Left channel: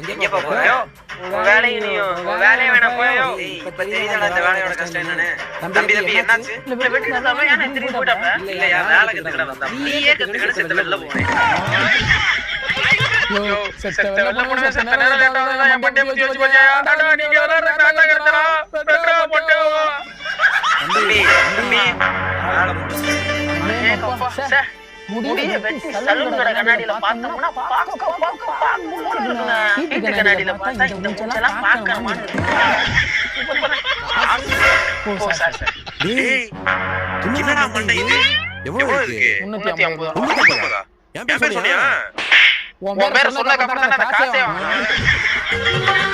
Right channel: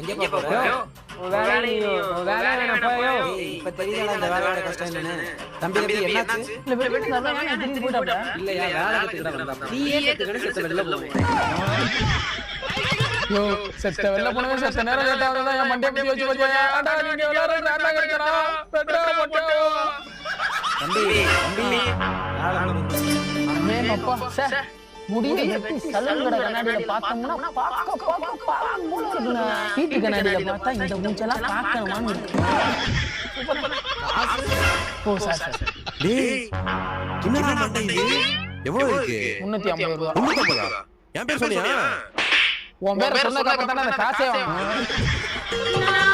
எங்க போறோ? வேலை வேணா போயோ. இப்ப தெரியுதா அந்த வேலை கஷ்டம் என்னன்னு. தம்பி என்னாச்சு? இல்ல திரும்பி போட்டாங்க. இல்லையா வேலை கிட்ட நீ ஏன் கிட்ட வெளில போறே? யோ செத்த வெல்ல போனவன் செத்த நேரம் கேட்டாங்க மண்டே போய் வச்சு ஆடா நீ விளையாடுற நான் கேக்குறா பெட்ரோல் போட்டோ தம்பி அம்மே அப்பா சே முடிய வெட்டி சலூன் கண்ணாடில பார்த்தோம்னா பாக்க வீட்டு கண்ணாடில பார்த்தா இந்த மூஞ்செல்லாம் பார்க்கணுமா ஓ சார் டேய் என்னடா மண்டை எவ்வளவு இருக்கு 350 ரூபாய் 350 ஏன் பேர் சொன்னியா உன் பேர் சொன்னா காசே வாங்க